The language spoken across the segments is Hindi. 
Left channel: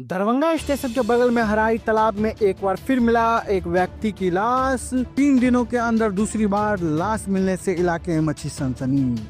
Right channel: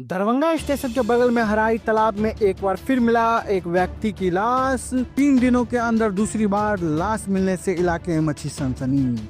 दरभंगा स्टेशन के बगल में हराई तालाब में एक बार फिर मिला एक व्यक्ति की लाश। 3 दिनों के अंदर दूसरी बार लाश मिलने से इलाके में मची सनसनी।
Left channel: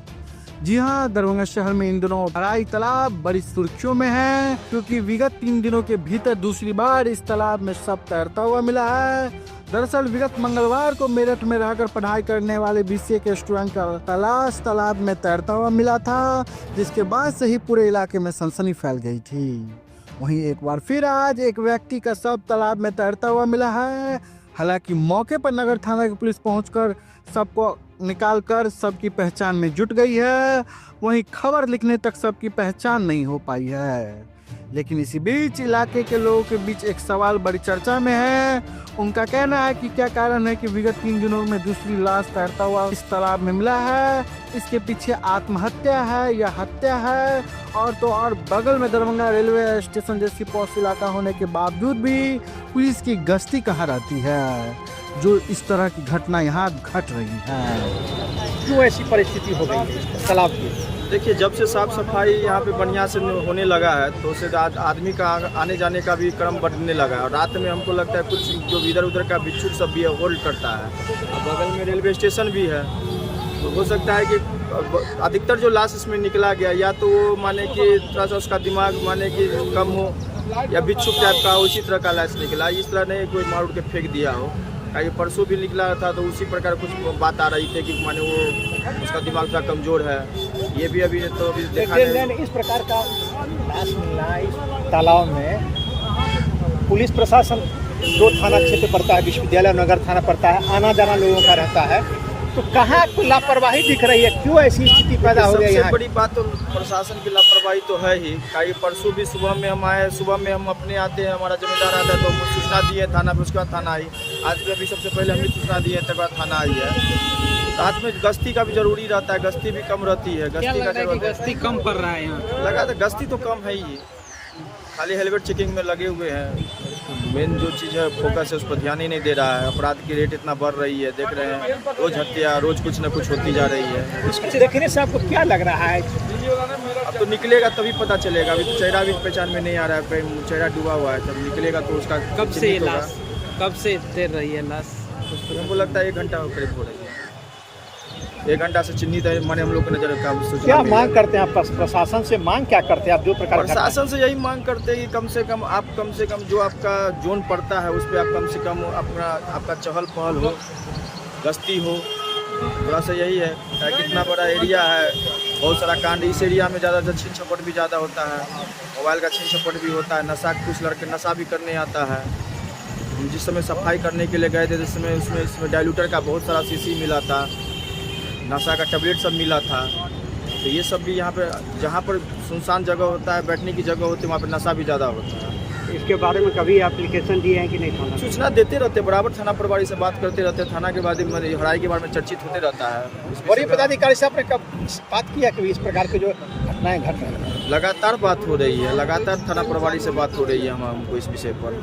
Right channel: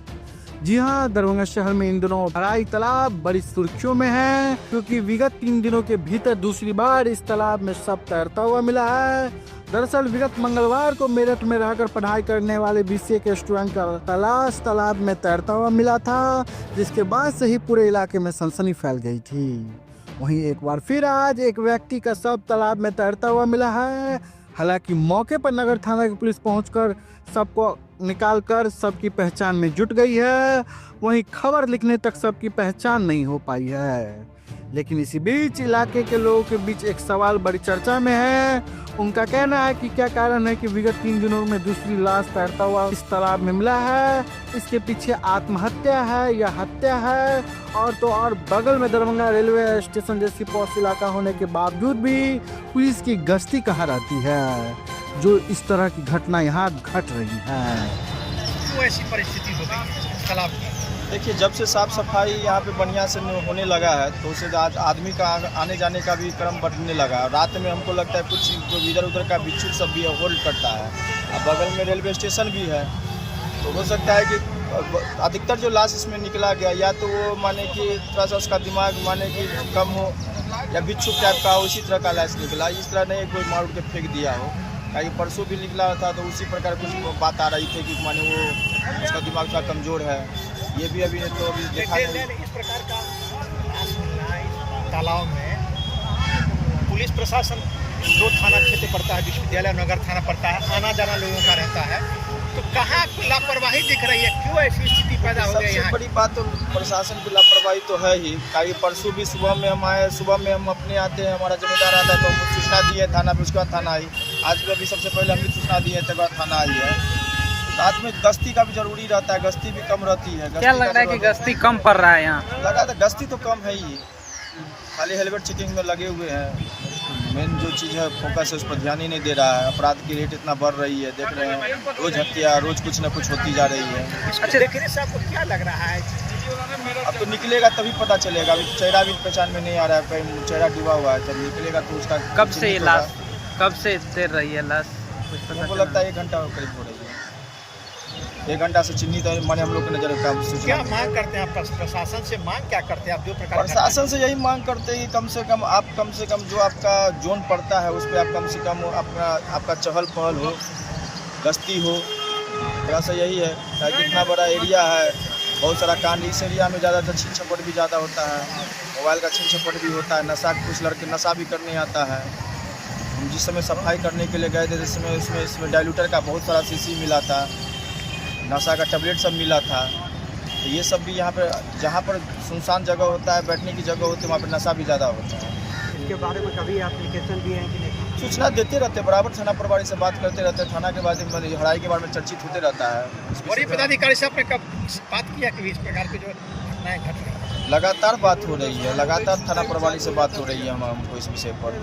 जी हाँ, दरभंगा शहर में इन दिनों हराई तालाब बड़ी सुर्खियों में है, क्योंकि विगत 3 दिनों के भीतर दूसरी बार इस तालाब में शव तैरता हुआ मिला है। दरअसल विगत मंगलवार को मेरठ में रहकर पढ़ाई करने वाले बीसीए के स्टूडेंट का लाश तालाब में तैरता हुआ मिला था, जिसके बाद से ही पूरे इलाके में सनसनी फैल गई थी। वहीं एक बार फिर आज एक व्यक्ति का शव तालाब में तैरता हुआ मिला है। हालांकि मौके पर नगर थाना की पुलिस पहुंचकर सबको निकालकर सबकी पहचान में जुट गई है। वहीं खबर लिखने तक सबकी पहचान नहीं हो पाई है। लेकिन इसी बीच इलाके के लोगों के बीच एक सवाल बड़ी चर्चा में है। उनका कहना है कि क्या कारण है कि विगत 3 दिनों में दूसरी लाश तैरता हुआ इस तालाब में मिला है। इसके पीछे आत्महत्या है या हत्या है। और तो और बगल में दरभंगा रेलवे स्टेशन जैसी पॉश इलाका होने के बावजूद भी पुलिस की गश्ती कहाँ रहती है, जो इस तरह की घटना यहाँ घट रही है। क्यों ऐसी परिस्थिति हो गई तालाब की? देखिए, जब से साफ सफाई यहाँ पे बढ़िया से होने लगा है तो उससे आज आदमी का आने जाने का भी क्रम बढ़ने लगा है। और रात में हमको लगता है कुछ जो इधर उधर का बिच्छू सब भी है होल्ड करता है। अब बगल में रेलवे स्टेशन भी है, तो हो सकता है कि अधिकतर जो लाश इसमें निकला गया या तो वो माने कि थोड़ा सा उसका दिमाग माने कि कम हो या बिच्छू टाइप का हो, इसी तरह का लाश निकला। इस तरह नहीं कोई मार उड़ के फेंक दिया हो। ताकि परसों भी निकला था तो उसी प्रकार कुछ बात आ रही थी कि माने वो उसका दिमाग थोड़ा कमज़ोर है। ये भी अभी तो अभी देखा नहीं। इस प्रकार का लाश मिलना इस तालाब में पुलिस प्रशासन जो थाना क्षेत्र पड़ता है, विश्वविद्यालय नगर थाना पड़ता है, आना जाना लोगों का रहता है, तो कहाँ कोई लापरवाही दिख रही है? क्यों ऐसी स्थिति पैदा हो गई? सबसे बड़ी बात तो प्रशासन की लापरवाही तो है ही। ताकि परसों भी सुबह में हम आए, सुबह में हम अपने आते हैं, हमारा जिम्मेदार आता है तो हम सूचना दिए थाना पे, उसके बाद थाना आई। आज भी अभी सबसे पहले हम भी सूचना दिए तक बाद थाना आई है। रात में गश्ती का भी जरूरी रहता है, गश्ती भी कम रहती है। क्या लगता है कि गश्ती कम पड़ रहा है यहाँ? लगा था गश्ती तो कम है ही, खाली हेलमेट चेकिंग में लगे हुए हैं। मेन जो चीज़ है फोकस है उस पर ध्यान ही नहीं दे रहा है। अपराध की रेट इतना बढ़ रही है, देख रहे हैं, रोज हत्या, रोज कुछ न कुछ होती जा रही है। अच्छा, देखने से आपको क्या लग रहा है? अब तो निकलेगा तभी पता चलेगा। अभी तो चेहरा भी पहचान में नहीं आ रहा है, चेहरा डूबा हुआ है। जब निकलेगा तो उसका कब से ये लाश कब से तैर रही है लाश? कुछ पता हमको लगता है 1 घंटा करीब हो रही है। 1 घंटा से चिन्हित है, माने हम लोग को नजर का सूचना क्या मांग करते हैं आप प्रशासन से? मांग क्या करते हैं आप? जो प्रकार प्रशासन से यही मांग करते हैं कि कम से कम जो आपका जोन पड़ता है उस पर आप कम से कम आपका चहल पहल हो, गश्ती हो। थोड़ा सा यही है ताकि इतना बड़ा एरिया है, बहुत सारा कांड इस एरिया में ज़्यादा छीन झपट भी ज़्यादा होता है, मोबाइल का छीन झपट भी होता है, नशा कुछ लड़के नशा भी करने आता है। हम जिस समय सफाई करने के लिए गए थे जिस समय इसमें डाइल्यूटर का बहुत सारा शीशी मिला था, नशा का टैबलेट सब मिला था। तो ये सब भी यहाँ पर जहाँ पर सुनसान जगह होता है, बैठने की जगह होती है, वहाँ पर नशा भी ज़्यादा होता है। इसके बारे में कभी एप्लीकेशन दिए हैं कि नहीं? सूचना देते रहते, बराबर थाना प्रभारी से बात करते रहते। थाना के बाद हड़ाई के बारे में चर्चित होते रहता है। बड़ी पदाधिकारी से आपने कब बात किया कि इस प्रकार की जो घटनाएं घट रही हैं? लगातार बात हो रही है, लगातार थाना प्रभारी से बात हो रही है। हमको इस विषय पर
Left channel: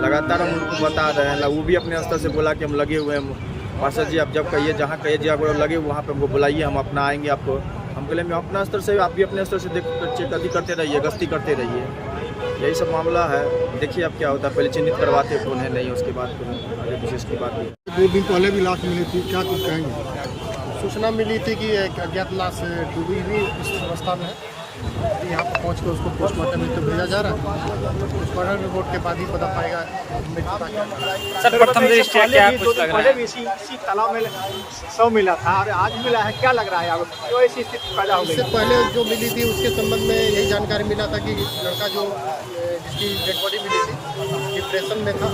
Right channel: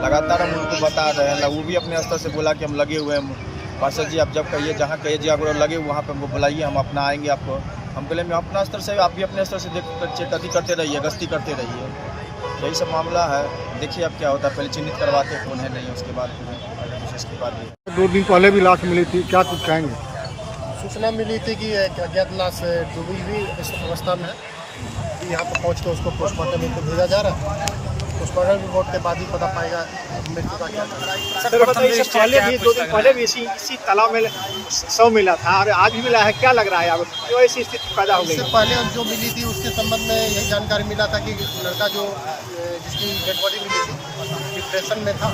लगातार हम उनको बता रहे हैं। वो भी अपने स्तर से बोला कि हम लगे हुए हैं, पार्षद जी आप जब कहिए, जहाँ कहिए जी आप लगे वहाँ पे हमको बुलाइए, हम अपना आएंगे आपको। हम कह अपना स्तर से, आप भी अपने स्तर से चेक करते रहिए, गश्ती करते रहिए। यही सब मामला है। देखिए अब क्या होता है, पहले चिन्हित करवाते कौन है नहीं, उसके बाद फिर आगे विशेष की बात है। 2 दिन पहले भी लाश मिली थी, क्या कुछ कहेंगे? सूचना मिली थी कि एक अज्ञात लाश डूबी हुई इस अवस्था में है। अभी यहाँ पर पहुँच कर उसको पोस्टमार्टम में तो भेजा जा रहा है। पोस्टमार्टम रिपोर्ट के बाद ही पता पाएगा मृत्यु का क्या कारण है। सर, प्रथम दृष्टया क्या कुछ लग रहा पहले है? भी इसी तालाब में शव मिला था और आज भी मिला है। क्या लग रहा है आपको? क्यों ऐसी स्थिति पैदा हो इससे गई? पहले जो मिली थी उसके संबंध में यही जानकारी मिला था कि लड़का जो जिसकी डेड बॉडी मिली थी डिप्रेशन में था,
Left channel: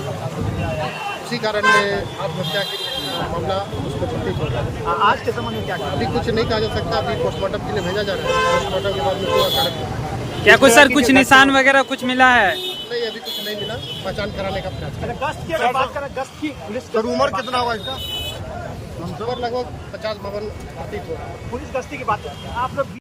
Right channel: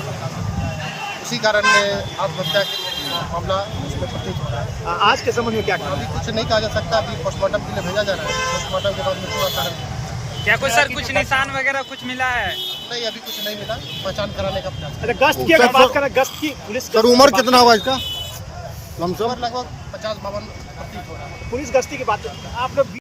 उसी कारण आत्महत्या का मामला उसमें प्रतीत हो रहा है। आज के समय में क्या अभी कुछ नहीं कहा जा सकता। अभी पोस्टमार्टम के लिए भेजा जा रहा है। पोस्टमार्टम के बाद मृत्यु का कारण क्या कुछ सर कुछ निशान वगैरह कुछ मिला है? नहीं, अभी कुछ नहीं मिला। पहचान कराने का प्रयास अच्छा, गश्त की अगर बात करें, गश्त की पुलिस सर उम्र कितना हुआ इसका? उम्र लगभग 50-52 प्रतीत हो रहा है। पुलिस गश्ती की बात आप लोग